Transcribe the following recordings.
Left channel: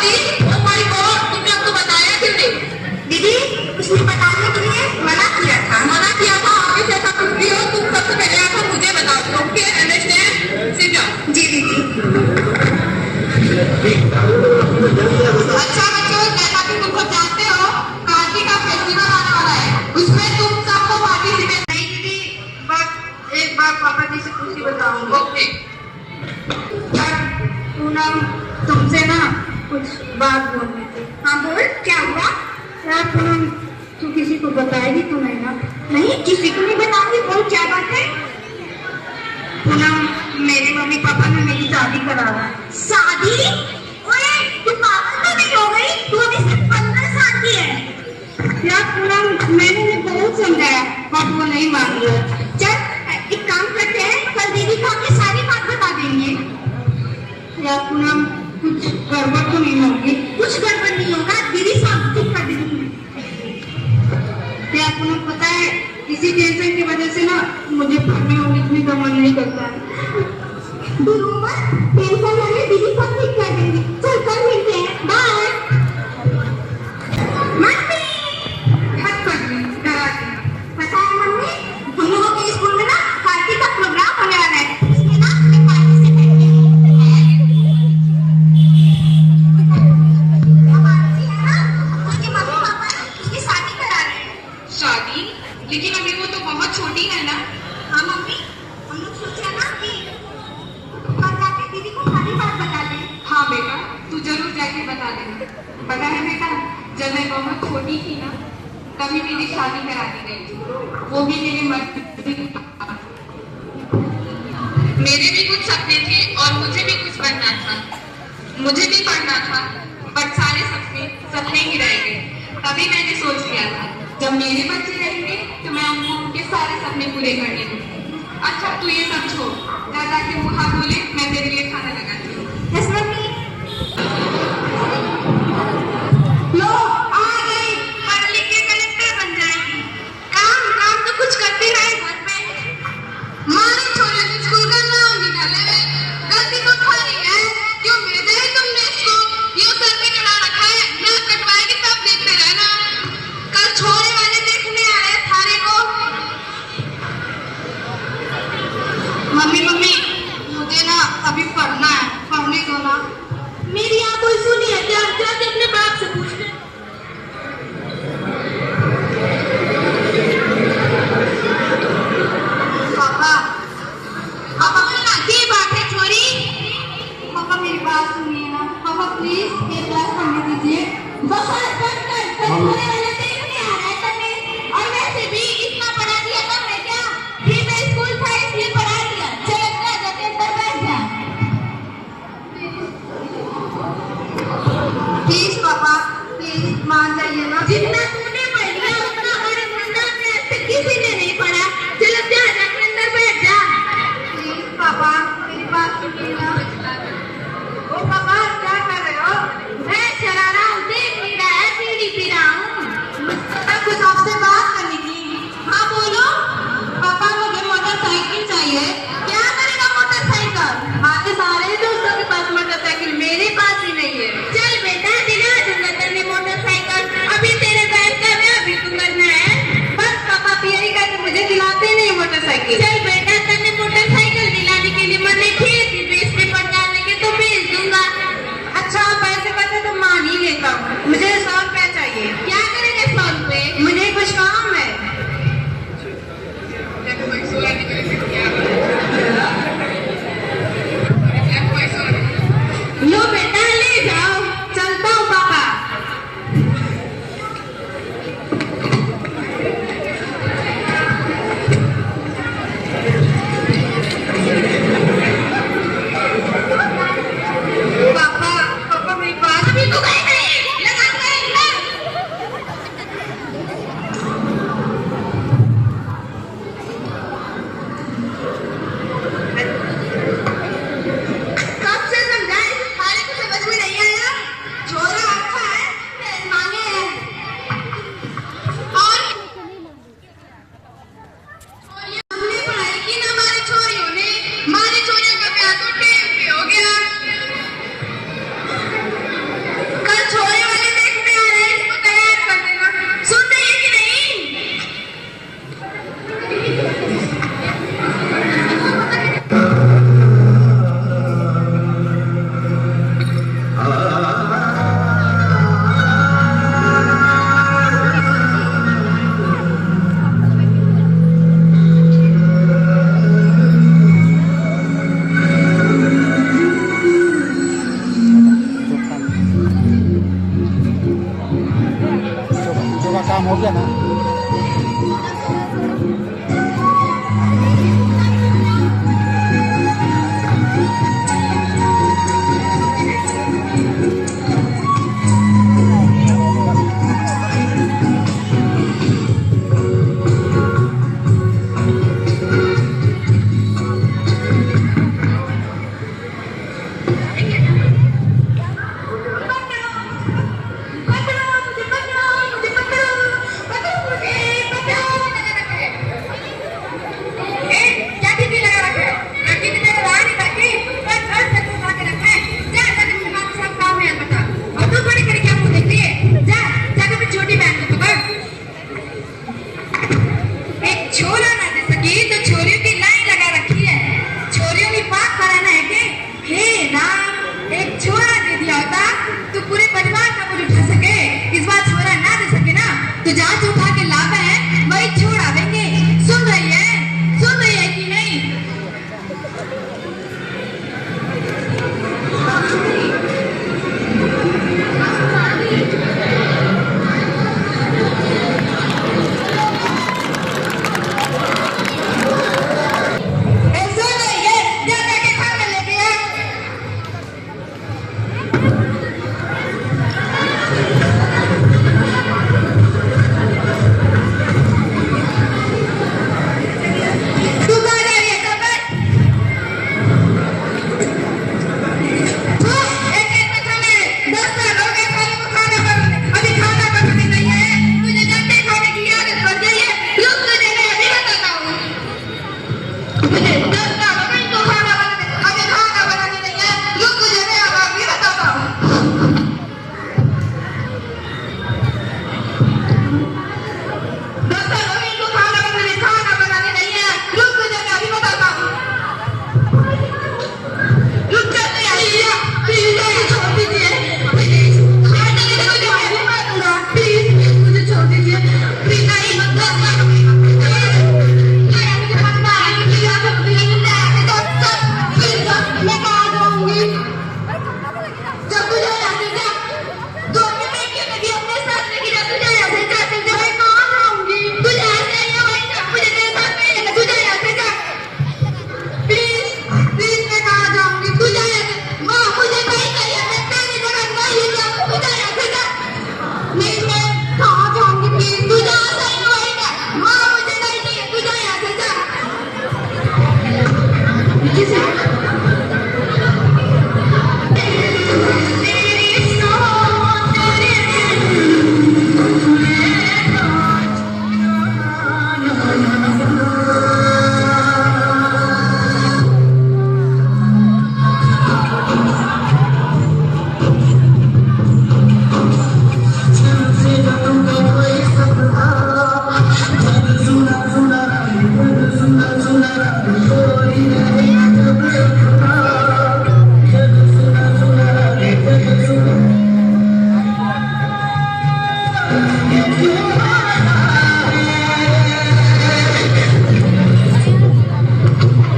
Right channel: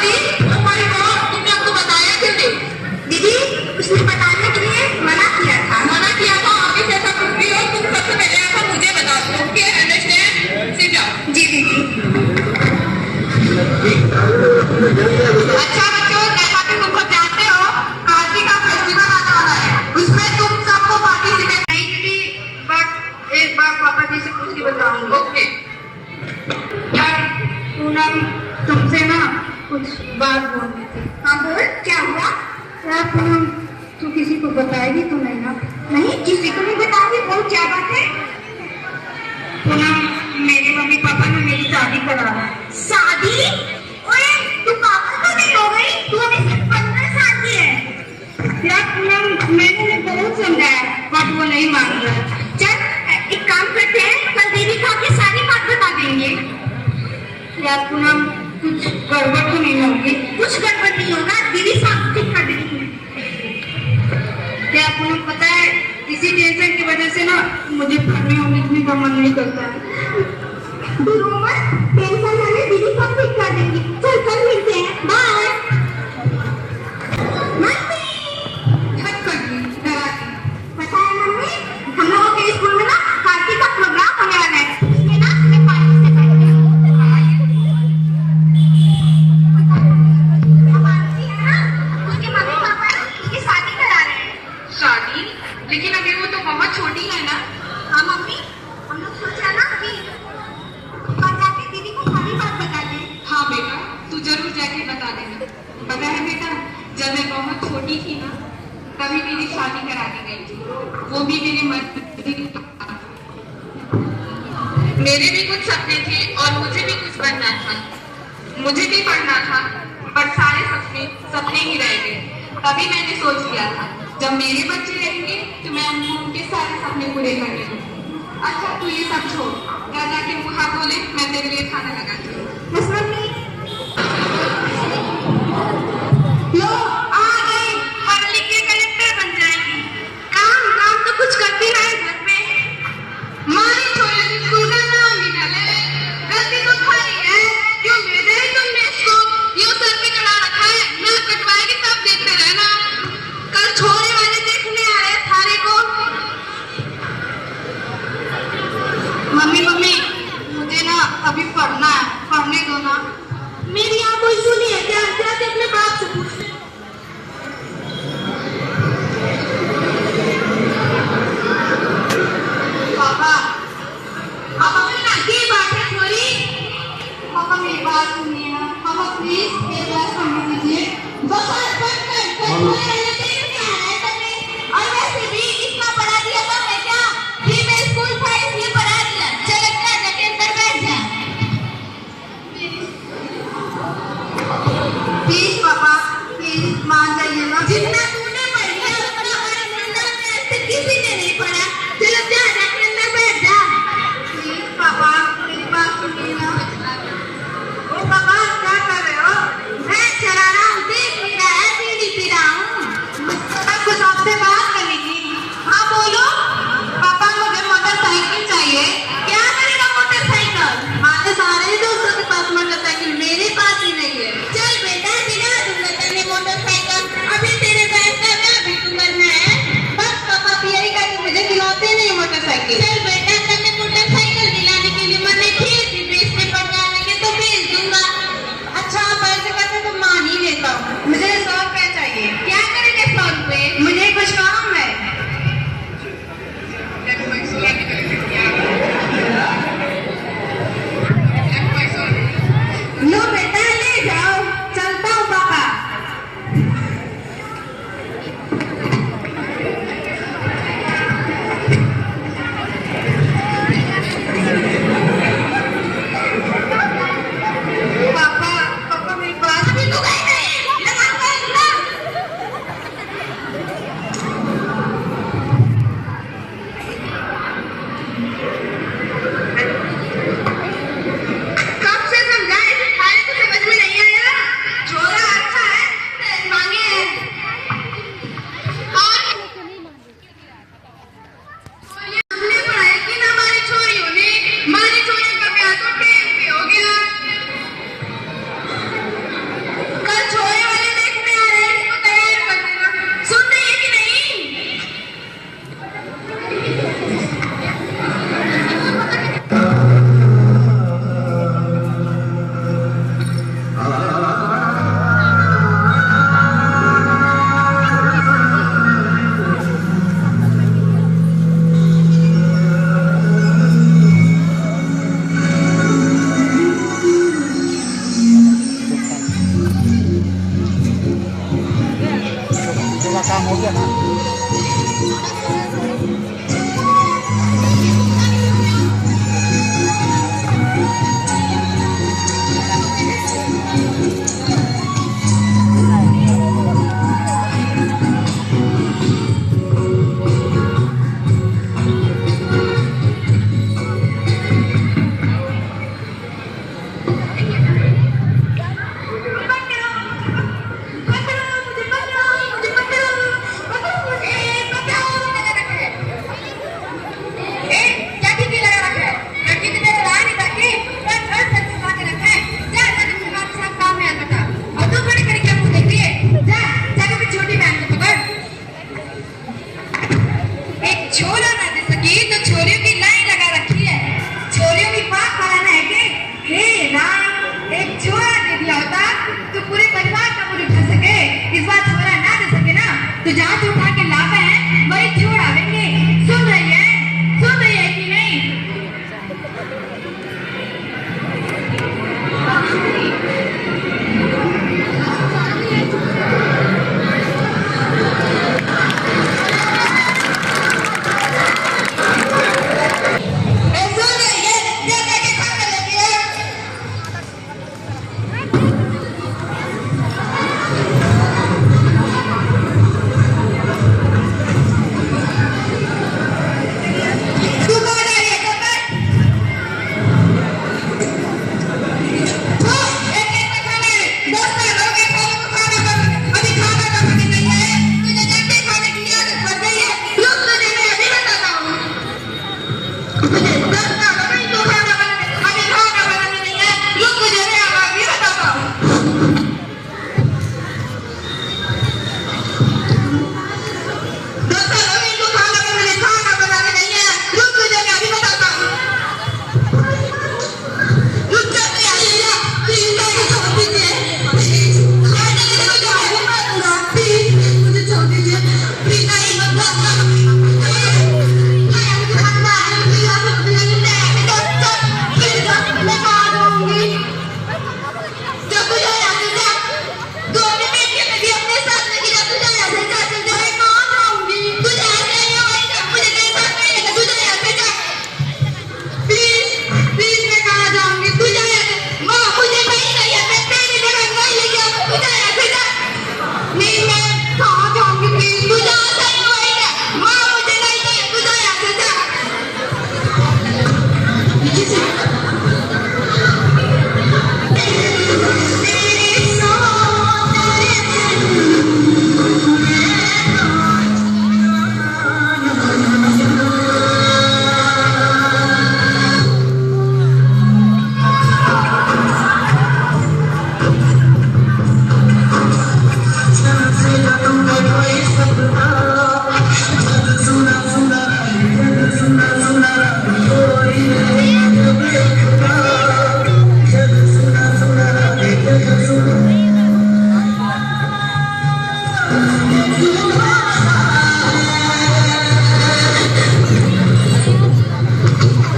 स्वाति, तुम्हारी बहू तुमने आपको बताया क्यों नहीं? दीदी, उसने बताने के लिए मना किया था। मना किया था? आगे से ऐसा कुछ भी हो, तुम सबसे पहले आकर मुझे बता दो। Okay, understand? Sit down. जी दीदी। अच्छा बच्चों, जैसा कि तुम सब जानते हो, कार्तिक का फेस्टिवल आने वाला है। उसमें तुम सबको पार्टिसिपेट नहीं की, बट एक बार पापा जी से पूछ के बताऊंगी। ओके। पूनम, तुमसे ना कुछ बात बोलनी थी। हाँ बोल, क्या हुआ? यार पूनम, तू किसी को बताएगी तो नहीं ना? नहीं, किसी को नहीं बताऊंगी। बोल, क्या बात है? पूनम, मेरे मम्मी पापा ने मेरी शादी करा रहा है। शादी? ओए, तू पागल तो नहीं हो गई? तू अभी सिर्फ 15 साल की है। यार पूनम, मैंने बहुत समझाया बट वो नहीं मान रहा। चल एक काम करते हैं, कल दीदी को आके सारी बात बता देंगे। यार पूनम, कुछ गड़बड़ तो नहीं होगी? कुछ गड़बड़ नहीं होगा, दीदी सब ठीक कर देंगी। क्या पूनम, पता है इसी टेंशन की वजह से ना मुझे पढ़ने और लिखने का मन नहीं करता है। टेंशन वाले दीदी सब ठीक कर देंगी। चल कल मिलते हैं, बाय। मम्मी, पता है मम्मी, हम लोगों के स्कूल में ना कार्तिक का प्रोग्राम होने वाला है। इसमें ना हमें पार्टिसिपेट करना है। उसके मम्मी पापा उसकी शादी करा रहे हैं। शादी? लेकिन अभी वो तो बहुत छोटी है ना। हाँ मम्मी, हम लोग सोच रहे ना कि कल जाके दीदी को सारी बात बता दें। हाँ बेटा, तू जरूर जाके बता दे। पता है बेटा, जब मैं बहुत छोटी थी ना, तभी मेरी शादी करा के गई थी, वो भी मेरी मर्जी। मेरे भी कुछ सपने थे और मुझे भी कुछ बनना था। मुझे भी पढ़ना था, बट सारे सपने सपने ही रह गए। तभी मैंने सोच लिया था, जब मेरे बच्चे रहेंगे तो मैं उनके सारे सपने पूरे कर लेंगे। अच्छा तू ये सब छोड़, दादा के मुँह हाथ धो ले, मैं तेरे लिए खाना लगाती हूँ। लो, आ गई, पढ़ लिख के कलेक्टर बन जाएगी। काम काम तो कुछ करती रहे घर में। मारी छोरे को स्कूल का नाम निकाले, गलती तो तुम्हारी है। क्यों भेजा है तुमने इसको? यूं सर पे चढ़ा रखा है, ना कटवाएगी तब देखते रहना। कल छोरे वाले देखने आए थारे को। मम्मी मम्मी, मुझे ना अभी पढ़ना है, पढ़ने दो ना। मेरी यहाँ कोई सुनी है क्या? जाके अपने बाप से पूछ ले। पापा, पापा ये बात है छोरी। पापा मेरी बात सुनिए ना। पापा प्लीज मेरी बात समझ लीजिए। पापा और वैसे भी इतना पढ़ा दिया था मैं क्या? फिर मैं स्कूल था इसलिए पढ़ा दिया। चल अच्छा जाके अंदर बैठ जा। प्लीज पापा, प्लीज मान जाइए ना। जितना तूने पढ़ लिया उतना हमारे खानदान में अब तक किसी ने नहीं पढ़ा। चल अच्छा जाके अंदर बैठ जा। प्लीज पापा, मेरी बात सुनिए ना। ओ पापा, क्या कर रहे हो? मैं चला रहा हूँ, देख नहीं रहा है, बीड़ी पी रहा हूँ। हो गया ना। तो जहाँ उठा के लाभ है वही छोड़ आवेंगे। सुन रही है कि नहीं?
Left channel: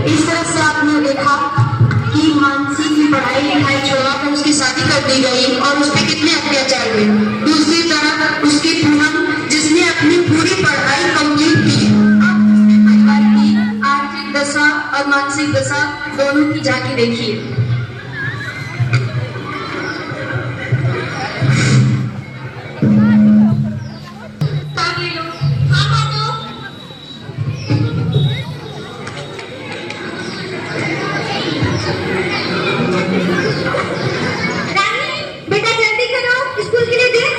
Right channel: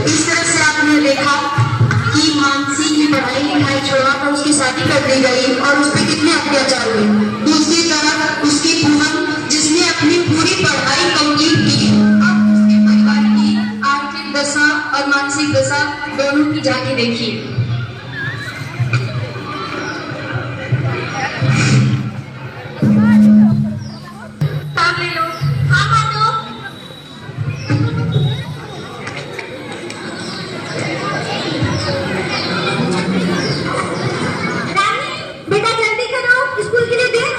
इस तरह से आपने देखा कि मानसी की पढ़ाई लिखाई छोड़कर उसकी शादी कर दी गई और उस पर कितने अत्याचार हुए। दूसरी तरफ उसकी पूनम जिसने अपनी पूरी पढ़ाई कंप्लीट की, अब उसके परिवार की आर्थिक दशा और मानसिक दशा दोनों की जाके देखिए। बेटा जल्दी करो, स्कूल के लिए देर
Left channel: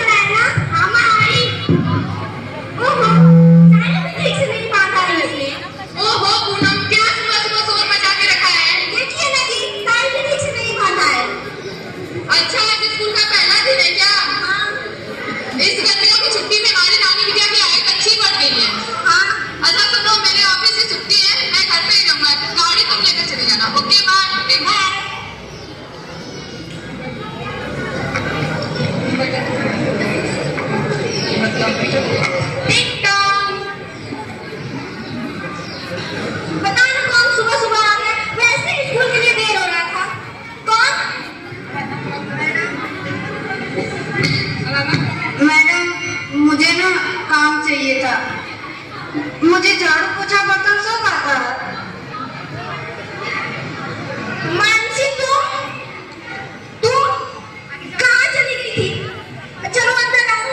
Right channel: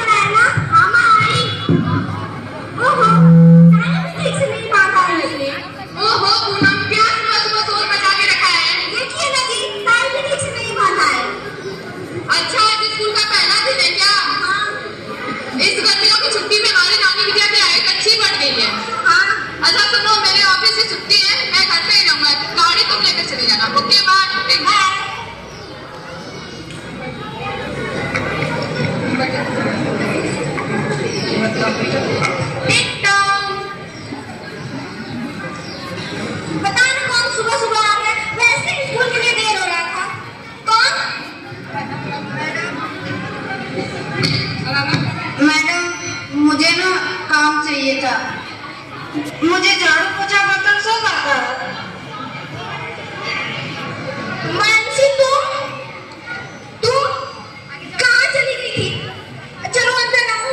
मुझे झाड़ू पोछा बर्तन सब आता है। मानसी तू कहाँ चली गई थी? चलो अंदर आओ।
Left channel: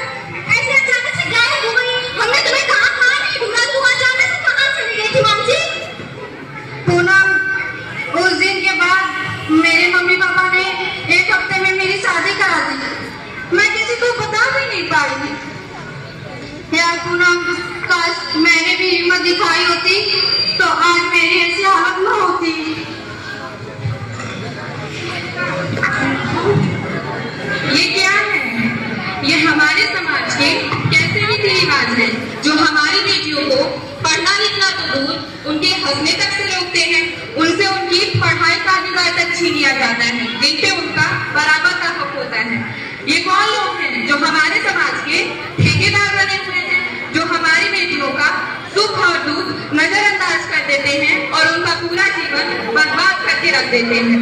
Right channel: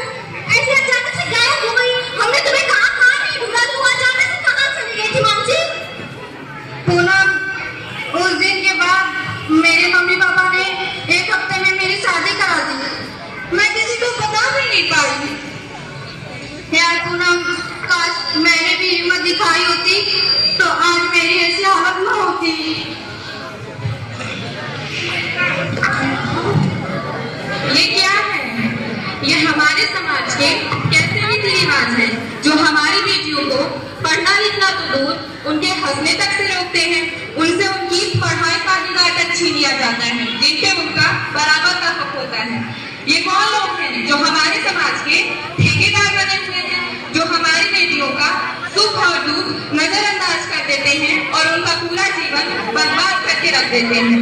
ऐसे अचानक से गायब हो गई। हमने तुम्हें कहाँ नहीं ढूंढा। तुम अचानक से कहाँ चली गई थी मानसी? पूनम, उस दिन के बाद मेरे मम्मी पापा ने 1 हफ्ते में मेरी शादी करा दी। मैं किसी को बता भी नहीं पाई। यार पूनम, काश मैंने भी हिम्मत दिखाई होती तो आज मेरी ऐसी हालत न होती। ये क्या है? ये हमारे समाज के कैसे रीति रिवाज हैं जो हमारी बेटियों को पढ़ना लिखना तो दूर, उनके हंसने तक से रोकते हैं। उनसे उनकी पढ़ाई का अधिकार तक छीन लिया जाता है, जिनसे उनका बराबर का हक होता है। ये कौन लोग हैं जो हमारे समाज के ठेकेदार बने हुए हैं, जो हमारी बेटियों का सुख और दुख नजरअंदाज कर देते हैं और उनका पूरा जीवन बर्बाद करके रख देते हैं।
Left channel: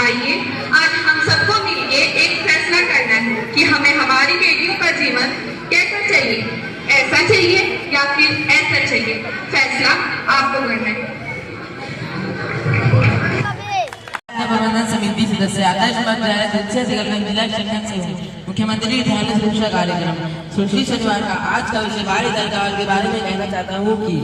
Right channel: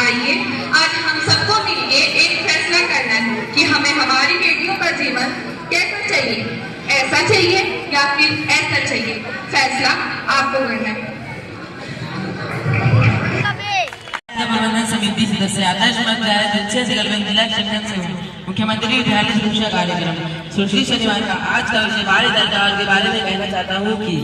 आइए आज हम सबको मिलकर एक फैसला करना है कि हमें हमारी बेटियों का जीवन कैसा चाहिए, ऐसा चाहिए या फिर ऐसा चाहिए। फैसला आपको करना है। मनोरंजन समिति सदस्य आदर्श विद्यालय दक्षिण से गलबन जिला सेक्शन से हूँ। मुख्यमंत्री विद्यालय सुरक्षा कार्यक्रम सुश्री शनिवार का आज का विषय बाल अधिकार के बारे में कहना चाहता हूँ कि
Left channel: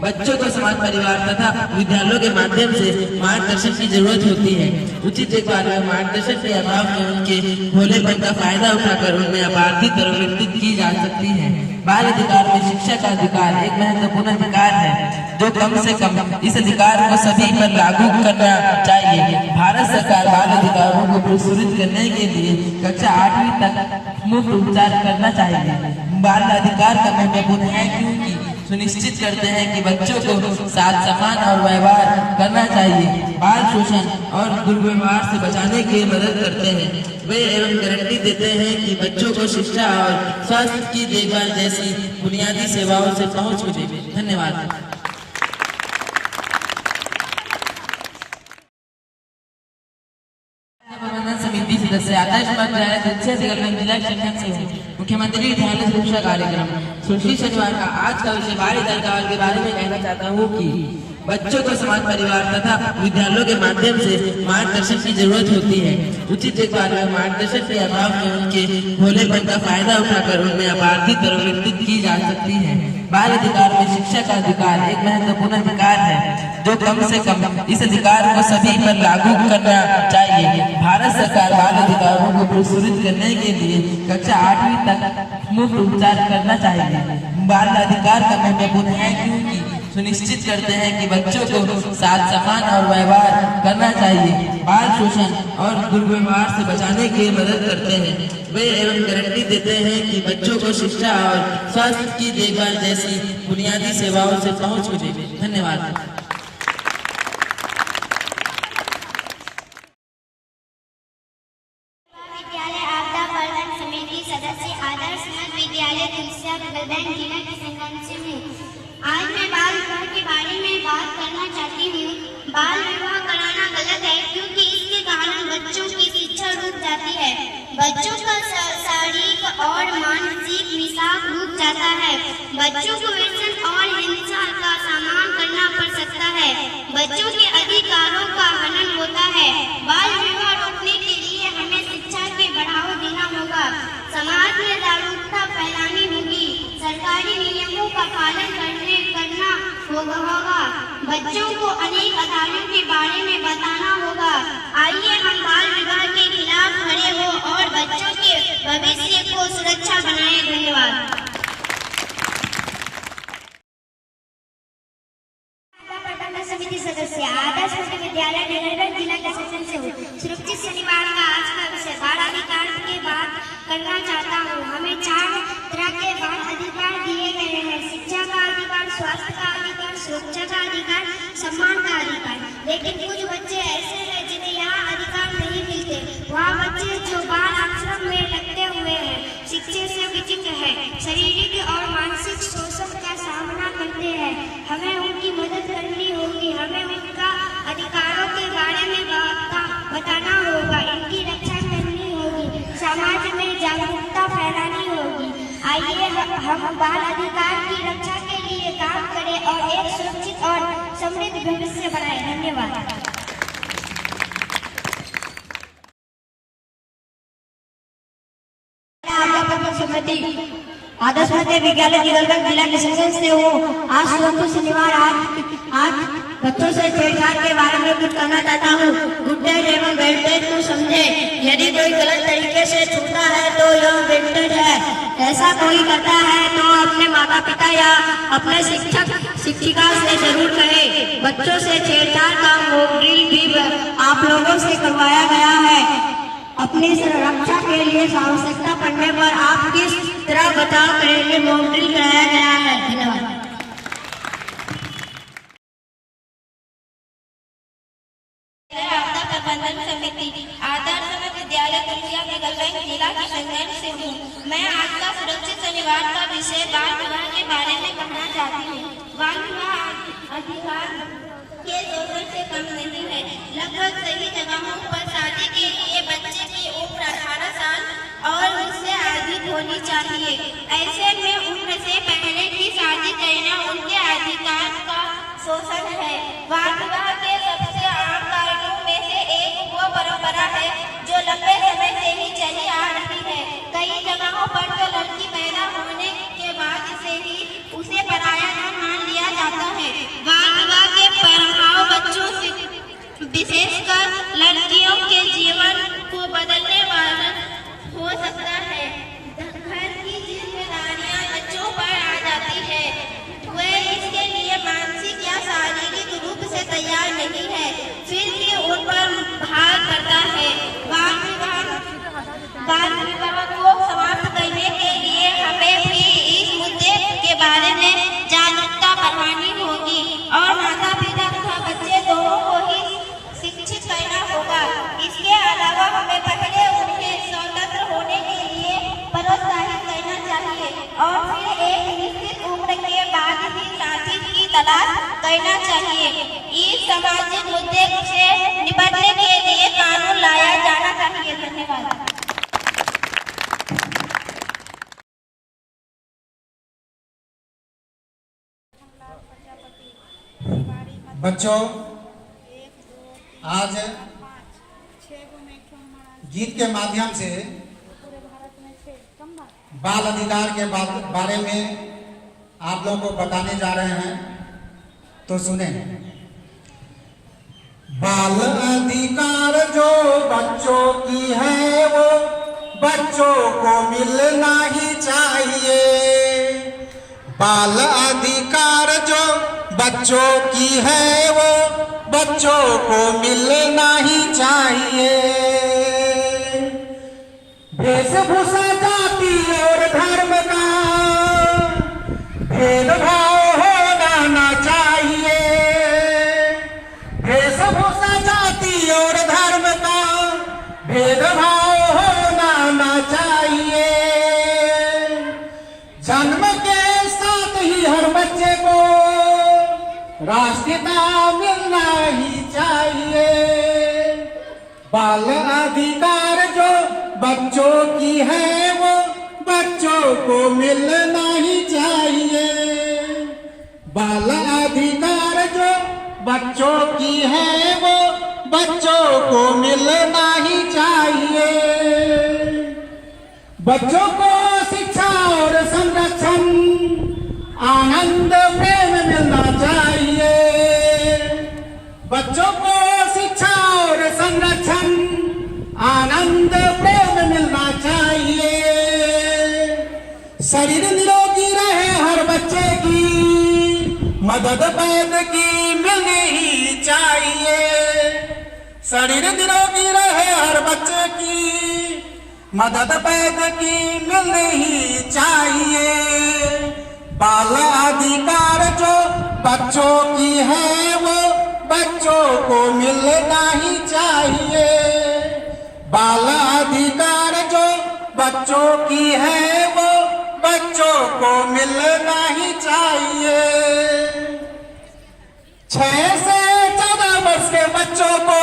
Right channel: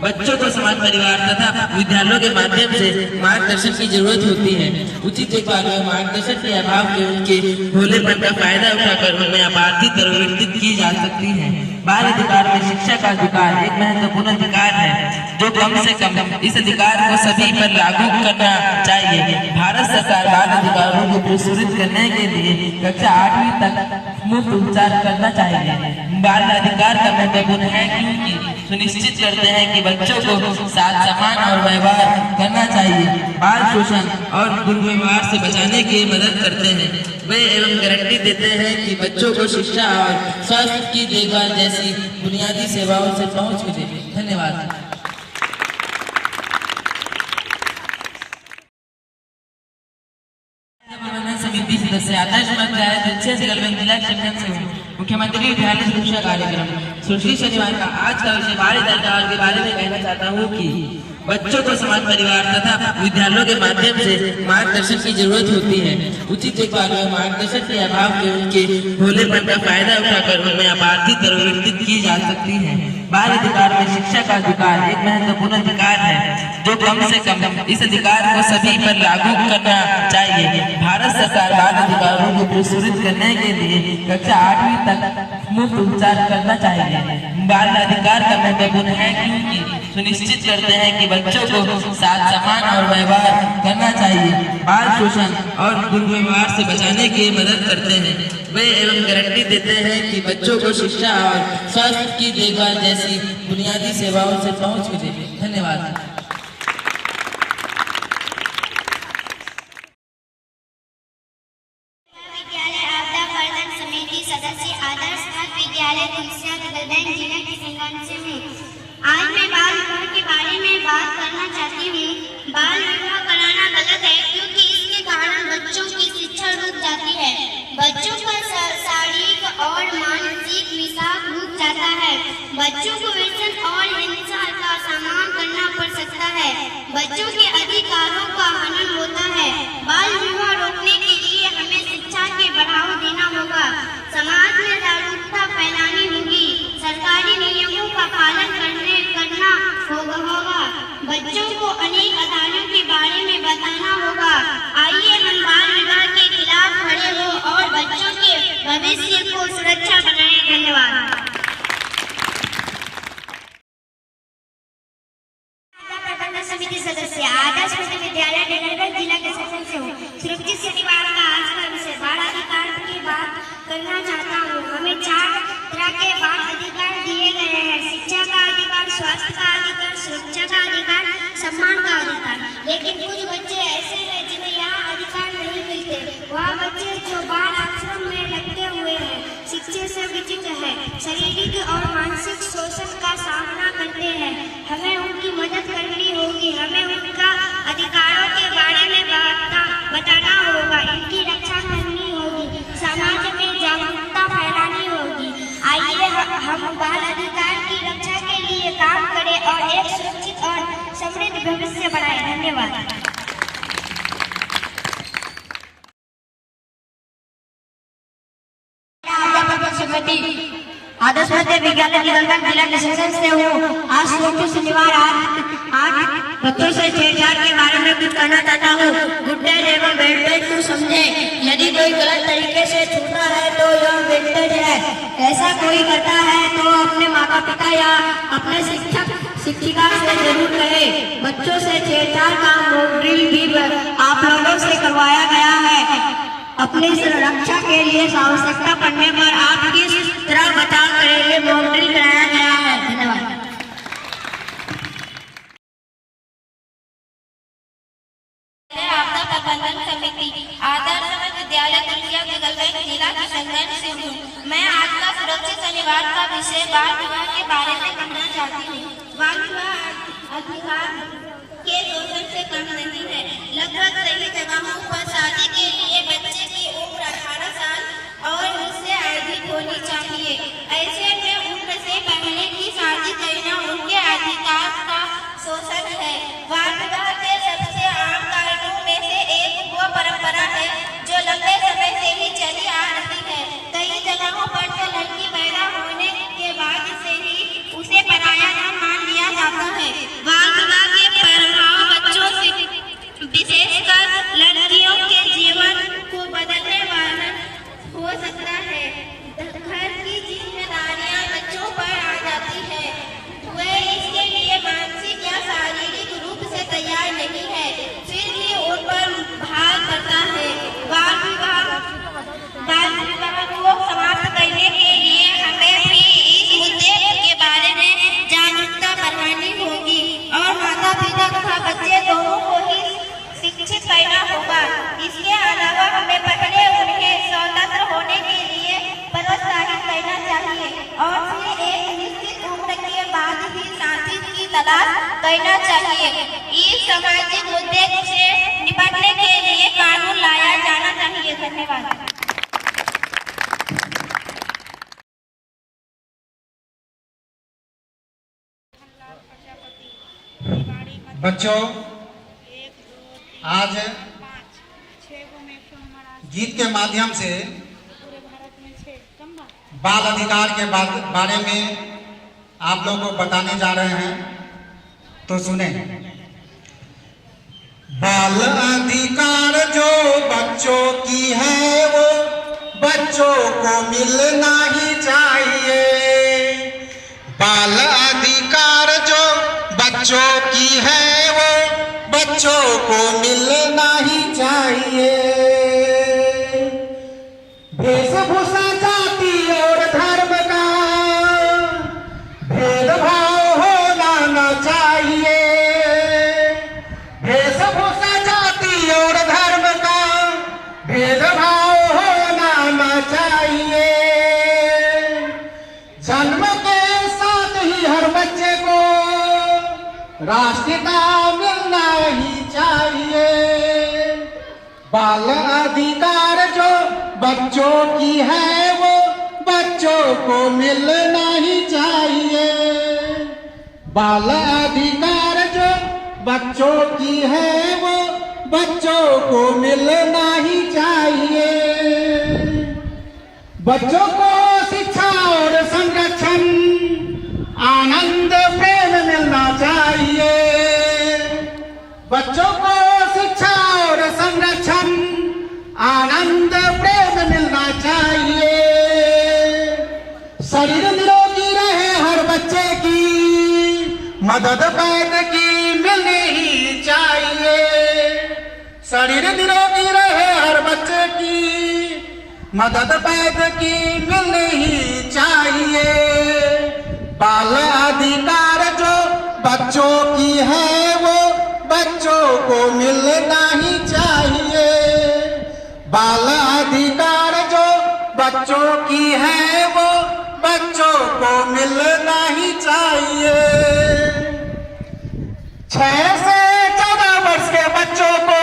बच्चों को समाज परिवार तथा विद्यालयों के माध्यम से मार्गदर्शन की जरूरत होती है। उचित देखभाल में मार्गदर्शन के अभाव में उनके भोलेपन का फायदा उठाकर उन्हें अपराधी प्रवृत्ति की जा सकती है। बाल अधिकार में शिक्षा का अधिकार एक महत्वपूर्ण अधिकार है जो कम से कम इस अधिकार को सभी पर लागू करना चाहिए। भारत सरकार बाल अधिकारों को प्रोत्साहित करने के लिए कक्षा 8वीं तक मुफ्त उपचार करना चाहिए। बाल अधिकार का महत्वपूर्ण है क्योंकि सुनिश्चित करते हैं कि बच्चों को साथ सम्मान और व्यवहार करना चाहिए। बाल शोषण और दुर्व्यवहार से बचाने की मदद करते हैं। वे एवं गारंटी देते हैं कि बच्चों को शिक्षा और स्वास्थ्य की देखभाल जैसी बुनियादी सेवाओं से पहुंच मिले। धन्यवाद। मनोरंजन समिति सदस्य आदर्श विद्यालय दक्षिण से गलबन जिला सेक्शन से हूँ। मुख्यमंत्री विद्यालय सुरक्षा कार्यक्रम सुश्री शनिवार का आज का विषय बाल अधिकार के बारे में कहना चाहता हूँ कि बच्चों को समाज परिवार तथा विद्यालयों के माध्यम से मार्गदर्शन की जरूरत होती है। उचित देखभाल में मार्गदर्शन के अभाव में उनके भोलेपन का फायदा उठाकर उन्हें अपराधी प्रवृत्ति की जा सकती है। बाल अधिकार में शिक्षा का अधिकार एक महत्वपूर्ण अधिकार है जो कम से कम इस अधिकार को सभी पर लागू करना चाहिए। भारत सरकार बाल अधिकारों को प्रोत्साहित करने के लिए कक्षा 8वीं तक मुफ्त उपचार करना चाहिए। बाल अधिकार का महत्वपूर्ण है क्योंकि सुनिश्चित करते हैं कि बच्चों को साथ सम्मान और व्यवहार करना चाहिए। बाल शोषण और दुर्व्यवहार से बचाने की मदद करते हैं। वे एवं गारंटी देते हैं कि बच्चों को शिक्षा और स्वास्थ्य की देखभाल जैसी बुनियादी सेवाओं से पहुंच मिले। धन्यवाद। विद्यालय तुलसिया गलबन जिला किशनगंज से हूँ। आज मैं बाल विवाह के बारे में बात करना चाहती हूँ। बाल विवाह कराना गलत है क्योंकि इसके कारण बच्चों की शिक्षा रुक जाती है। बच्चों का शारीरिक और मानसिक विकास रुक जाता है। बच्चों को व्यसन और हिंसा का सामना करना पड़ सकता है। बच्चों के अधिकारों का हनन होता है। बाल विवाह रोकने के लिए हमें शिक्षा के बढ़ावा देना होगा। समाज में जागरूकता फैलानी होगी। सरकारी नियमों का पालन करना होगा। बच्चों को अनेक अधिकारों के बारे में बताना होगा। आइए हम बाल विवाह के खिलाफ खड़े हो और बच्चों के भविष्य को सुरक्षा बनाएं। धन्यवाद। समिति सदस्य आदर्श विद्यालय नगरगंज जिला के सेक्शन से हूँ। सुरक्षित शनिवार का आज का विषय बाल अधिकार की बात करना चाहता हूँ। हमें 4 तरह के बाल अधिकार दिए गए हैं। शिक्षा का अधिकार, स्वास्थ्य का अधिकार, सुरक्षा का अधिकार, सम्मान का अधिकार। लेकिन कुछ बच्चे ऐसे हैं जिन्हें यहाँ अधिकार नहीं मिलते। वहाँ बच्चे जो बाल आश्रम में लगते हुए हैं, शिक्षा से वंचित है, शारीरिक और मानसिक शोषण का सामना करते हैं। हमें उनकी मदद करनी होगी। हमें उनका अधिकारों के बारे में बताना होगा। इनकी रक्षा करनी होगी। समाज में जागरूकता फैलानी होगी। आइए हम बाल अधिकार की रक्षा के लिए लिए काम करें और एक सुरक्षित और समृद्ध भविष्य बनाए। धन्यवाद। आदर्श मध्य विद्यालय जिला डिस्कशन से हूँ। आज सोमवार शनिवार आज बच्चों से छेड़छाड़ के बारे में कुछ कहना चाहता हूँ। गुड्डेज एवं वेंटेज को समझे। यदि कोई गलत तरीके से छूटा है तो यह वेंटेज है। ऐसा कोई करता है तो अपने माता पिता या अपने शिक्षक शिक्षिका से जरूर कहे। बच्चों से छेड़छाड़ का ड्रिल भी आप लोगों से करवाया गया है। अपनी सुरक्षा के लिए आवश्यकता पड़ने पर आप किस तरह बचाव करेंगे ड्रिल कराया गया है। धन्यवाद। आपदा प्रबंधन समिति आदर्श विद्यालय जिला किशनगंज से हूँ। मैं आज का सुरक्षित शनिवार का विषय बाल विवाह के बारे में कहना चाहती हूँ। बाल विवाह अधिकार के शोषण से कम नहीं है। लगभग सभी जगहों पर शादी के लिए बच्चे की उम्र 18 साल और उससे अधिक होनी चाहिए। ऐसे में उम्र से पहले की शादी करना उनके अधिकार का शोषण है। बाल विवाह के सबसे आम कारणों में से एक वो परंपरा है जो लंबे समय से ही चली आ रही है। कई जगहों पर तो लड़की पैदा होने के बाद से ही उसे पराया धन मान लिया जाता है। बाल विवाह के प्रभाव बच्चों से विशेषकर लड़कियों के जीवन को बदलने वाला हो सकता है। घर की जिम्मेदारियां बच्चों पर आ जाती है। वे इसके लिए मानसिक या शारीरिक रूप से तैयार नहीं है, फिर भी उन पर भार पड़ता है। बाल विवाह को समाप्त करने के लिए हमें भी इस मुद्दे के बारे में जागरूकता बढ़ानी होगी और माता पिता तथा बच्चे दोनों को ही शिक्षित करना होगा। इसके अलावा हमें पहले उन्हें स्वतंत्र होने के लिए प्रोत्साहित करना चाहिए और फिर एक निश्चित उम्र के बाद ही साथी की तलाश करना चाहिए। इस सामाजिक मुद्दे से निपटने के लिए कानून लाया जाना चाहिए। धन्यवाद। बच्चों, आज गीत के माध्यम से बाल अधिकार के बारे में आप लोगों को बताने जा रहे हैं, तो सुने। बाल अधिकार जो बच्चों की है वो बच्चों को मिलना ही चाहिए। बाल अधिकार जो बच्चों की है वो बच्चों को मिलना ही चाहिए। वेशभूषा जाति और धर्म का भेदभाव होना न चाहिए। वेशभूषा जाति और धर्म का भेदभाव होना न चाहिए। जन्म के साथ ही हर बच्चे को राष्ट्रीयता मिलना ही चाहिए। बाल अधिकार जो बच्चों की है वो बच्चों को मिलना ही चाहिए। बाल अधिकार जो बच्चों की है वो बच्चों को मिलना ही चाहिए। बच्चों को शिक्षा और संरक्षण आनंद प्रेम मिलना चाहिए। बच्चों को शिक्षा और संरक्षण आनंद प्रेम मिलना चाहिए। शरीर निरोगी रहे हर बच्चे की मदद वैद्य की मिलनी ही चाहिए। शरीर निरोगी रहे हर बच्चे की मदद वैद्य की मिलनी ही चाहिए। बाल अधिकार जो बच्चों की है वो बच्चों को मिलना ही चाहिए। बाल अधिकार जो बच्चों की है वो बच्चों को मिलना ही चाहिए। 6 से 14 वर्ष के बच्चों को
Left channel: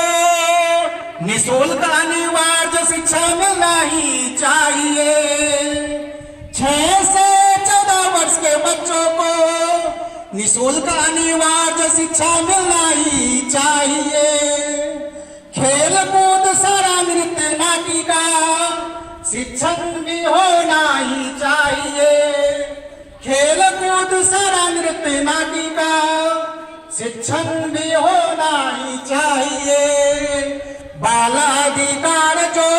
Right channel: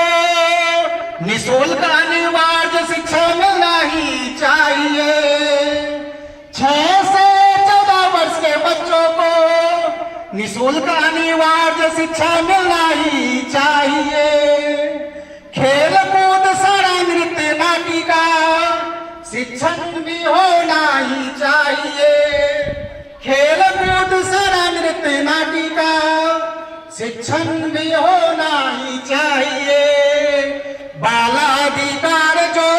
निःशुल्क अनिवार्य शिक्षा मिलना ही चाहिए। 6 से 14 वर्ष के बच्चों को निःशुल्क अनिवार्य शिक्षा मिलना ही चाहिए। खेल कूद सारा नृत्य नाटिका शिक्षण भी होना ही चाहिए। खेल कूद सारा नृत्य नाटिका शिक्षण भी होना ही चाहिए। बाल अधिकार जो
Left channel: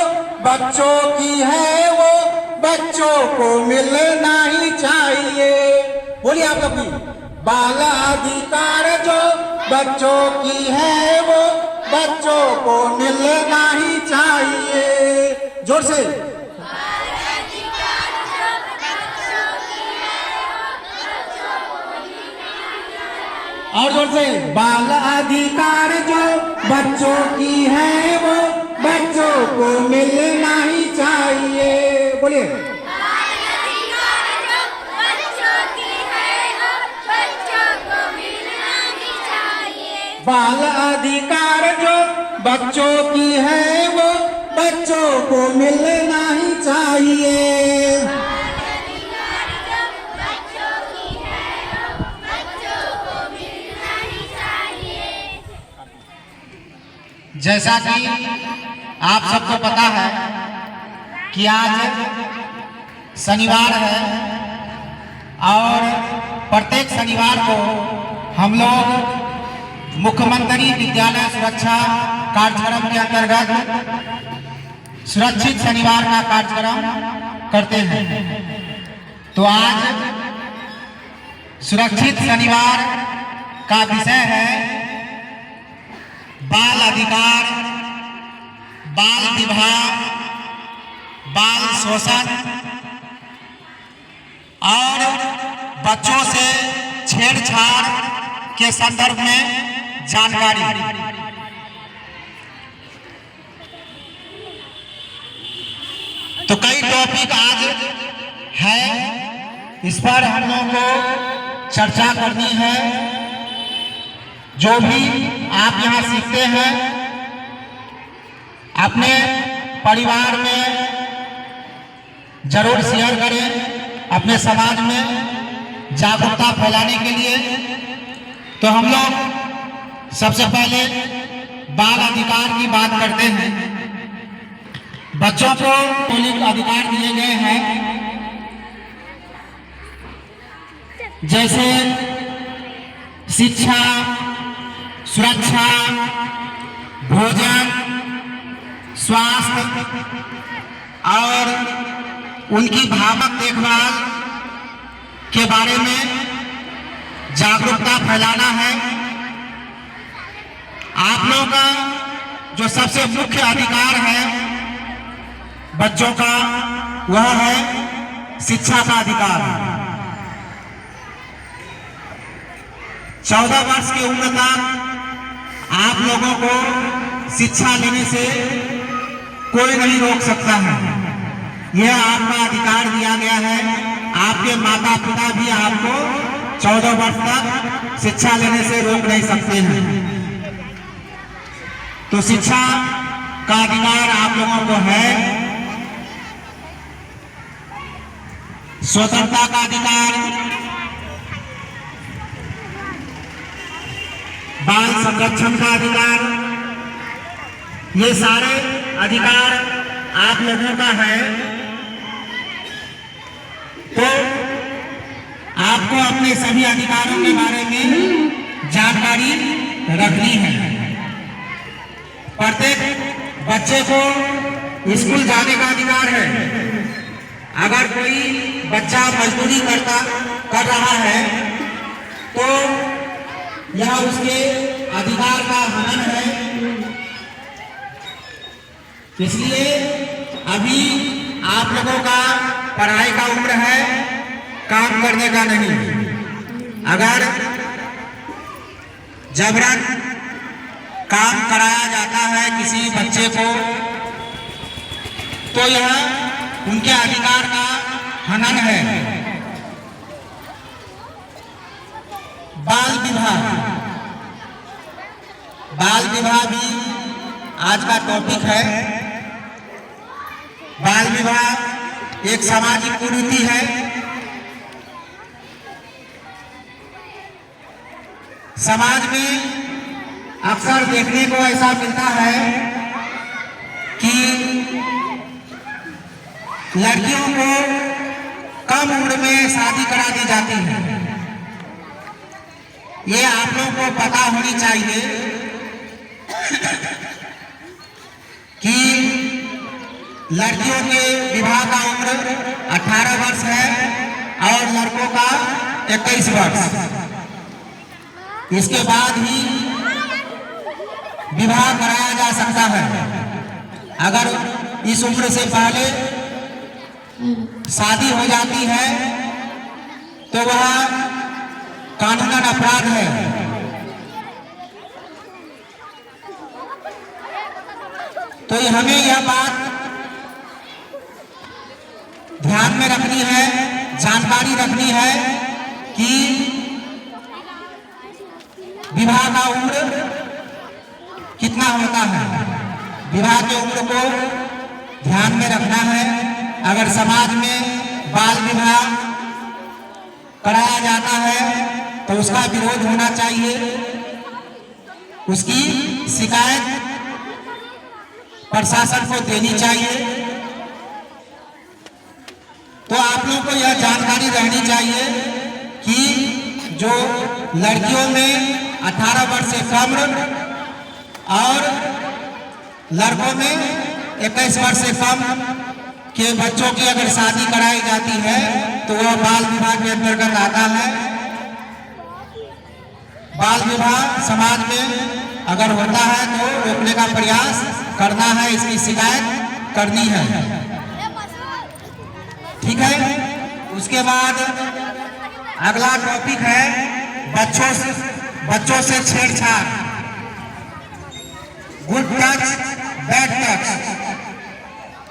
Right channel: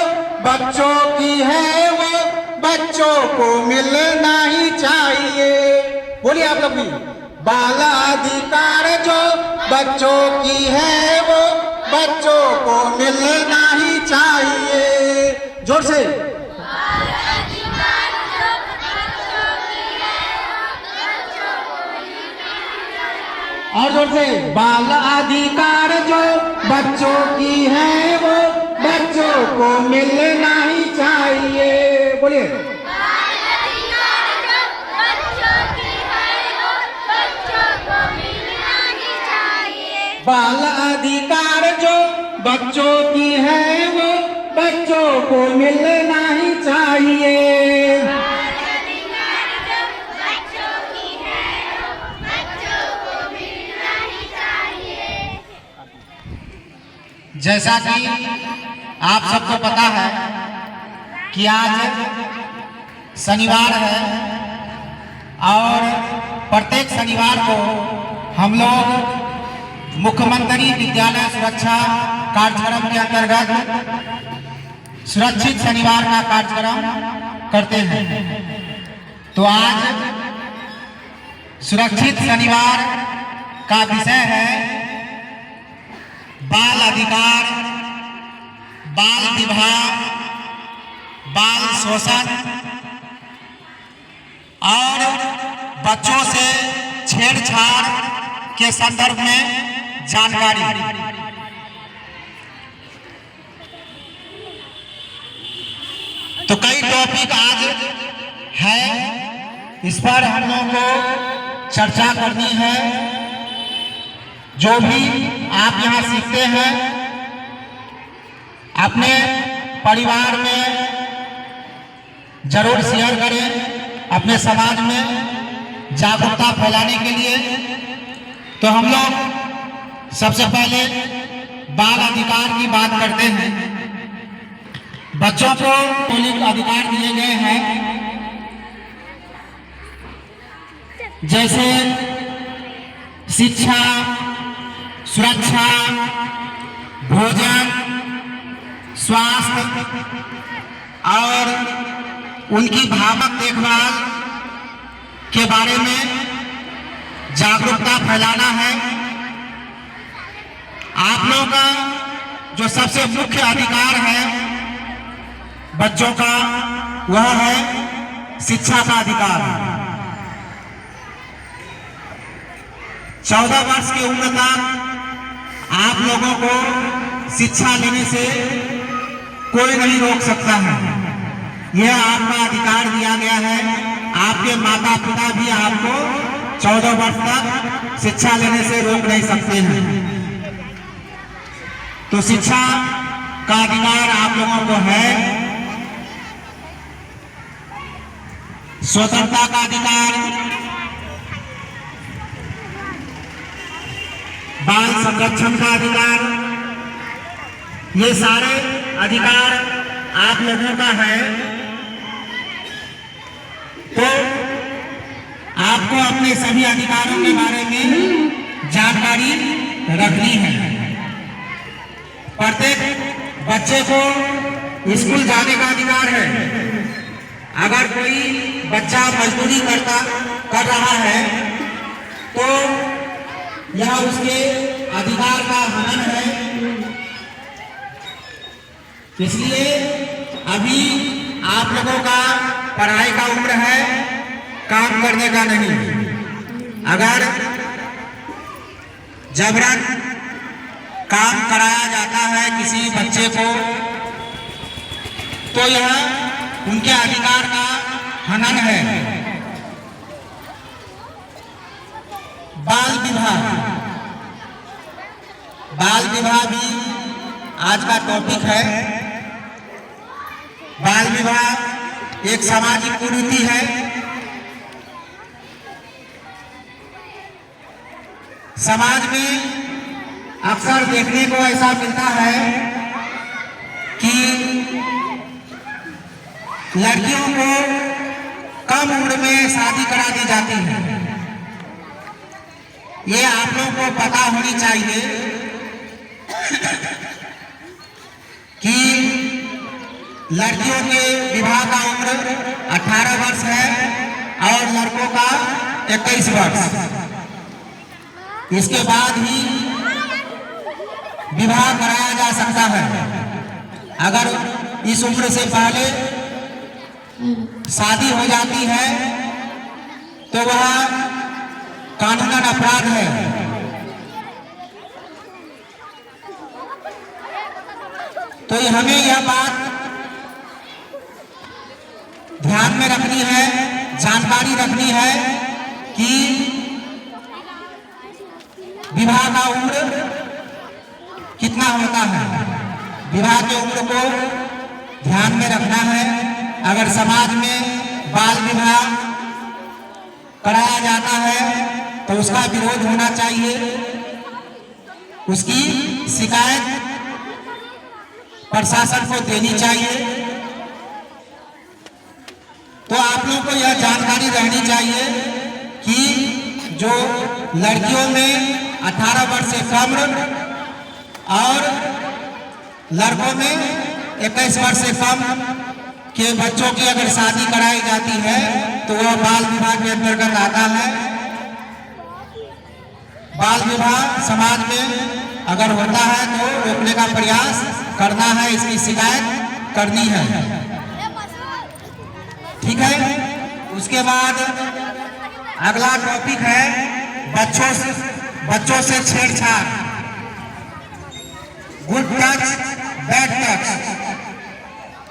बच्चों की है वो बच्चों को मिलना ही चाहिए। बोलिए आप लोग भी। बाल अधिकार जो बच्चों की है वो बच्चों को मिलना ही चाहिए। जोर से। और जोर से। बाल अधिकार जो बच्चों की है वो बच्चों को मिलना ही चाहिए। बोलिए। बाल अधिकार जो बच्चों की है वो बच्चों को मिलना ही चाहिए। जैसा कि आप सबको पता है कि आज शनिवार है और प्रत्येक शनिवार को हम लोग मुख्यमंत्री विद्यालय सुरक्षा कार्यक्रम के अंतर्गत सुरक्षित शनिवार का कार्यक्रम करते हैं। तो आज सुरक्षित शनिवार का विषय है बाल अधिकार, बाल विवाह, बाल शोषण और बच्चों से छेड़छाड़ के संदर्भ में जानकारी। तो कई टॉपिक आज है, इस पर हम लोगों को चर्चा करनी है। जो भी आप यहाँ सीखते हैं अपने परिवार में जरूर शेयर करें, अपने समाज में जागरूकता फैलाने के लिए। तो हम लोग सबसे पहले बाल अधिकार की बात करते हैं। बच्चों को मौलिक अधिकार दिए गए हैं, जैसे शिक्षा, सुरक्षा, भोजन, स्वास्थ्य और उनकी भावक देखभाल के बारे में जागरूकता फैलाना है। आप लोगों का जो सबसे मुख्य अधिकार है बच्चों का, वह है शिक्षा का अधिकार। 14 वर्ष की उम्र तक आप लोगों को शिक्षा लेने से कोई नहीं रोक सकता है। यह आपका अधिकार दिया गया है। आपके माता पिता भी आपको 14 वर्ष तक शिक्षा लेने से रोक नहीं सकते हैं। तो शिक्षा का अधिकार आप लोगों को है। स्वतंत्रता का अधिकार, बाल संरक्षण का अधिकार, ये सारे अधिकार आप लोगों का है। तो आपको अपने सभी अधिकारों के बारे में जानकारी रखनी है। प्रत्येक बच्चे को स्कूल जाने का अधिकार है। अगर कोई बच्चा मजदूरी कर रहा है तो यह उसके अधिकार का हनन है। इसलिए अभी आप लोगों का पढ़ाई का उम्र है, काम करने का नहीं। अगर जबरन काम कराया जाता है किसी बच्चे को तो यह उनके अधिकार का हनन है। बाल विवाह, बाल विवाह भी आज का टॉपिक है। बाल विवाह एक सामाजिक कुरीति है। समाज में अक्सर देखने को ऐसा मिलता है कि लड़कियों को कम उम्र में शादी करा दी जाती है। ये आप लोगों को पता होनी चाहिए कि लड़कियों के विवाह का उम्र 18 वर्ष है और लड़कों का 21 वर्ष। इसके बाद ही विवाह कराया जा सकता है। अगर इस उम्र से पहले शादी हो जाती है तो वह कानूनन अपराध है। तो हमें यह बात ध्यान में रखनी है, जानकारी रखनी है कि विवाह का उम्र कितना होता है। विवाह की उम्र को ध्यान में रखना है। अगर समाज में बाल विवाह कराया जाता है तो उसका विरोध होना चाहिए, उसकी शिकायत प्रशासन को देनी चाहिए। तो आप लोगों को यह जानकारी रहनी चाहिए कि जो लड़कियों में 18 वर्ष से कम और लड़कों में 21 वर्ष से कम के बच्चों की अगर शादी कराई जाती है तो वह बाल विवाह के अंतर्गत आता है। बाल विवाह समाज में अगर होता है तो रोकने का प्रयास करना है, इसकी शिकायत करनी है। ठीक है। उसके बाद अगला टॉपिक है बच्चों से छेड़छाड़, गुड टच बैड टच।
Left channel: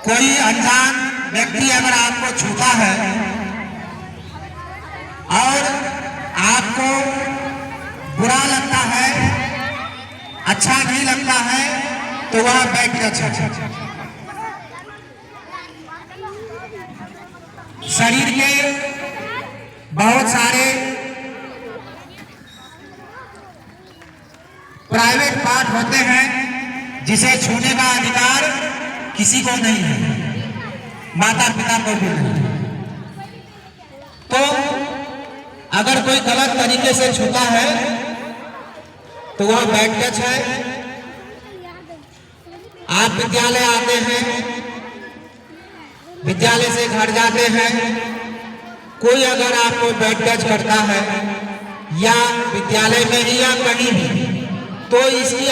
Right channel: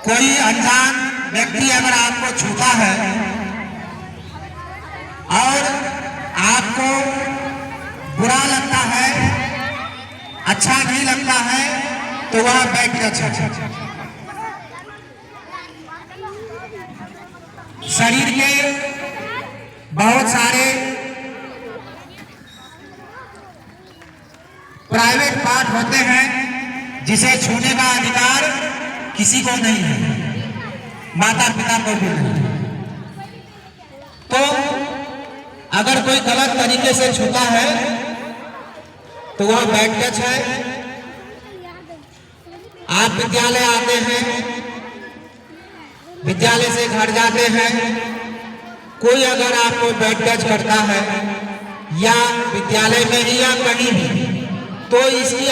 कोई अनजान व्यक्ति अगर आपको छूता है और आपको बुरा लगता है, अच्छा नहीं लगता है, तो वह बैड टच है। शरीर के बहुत सारे प्राइवेट पार्ट होते हैं जिसे छूने का अधिकार किसी को नहीं है, माता पिता को भी नहीं। तो अगर कोई गलत तरीके से छूता है तो वह बैड टच है। आप विद्यालय आते हैं, विद्यालय से घर जाते हैं, कोई अगर आपको बैड टच करता है या विद्यालय में ही या कहीं भी, तो इसकी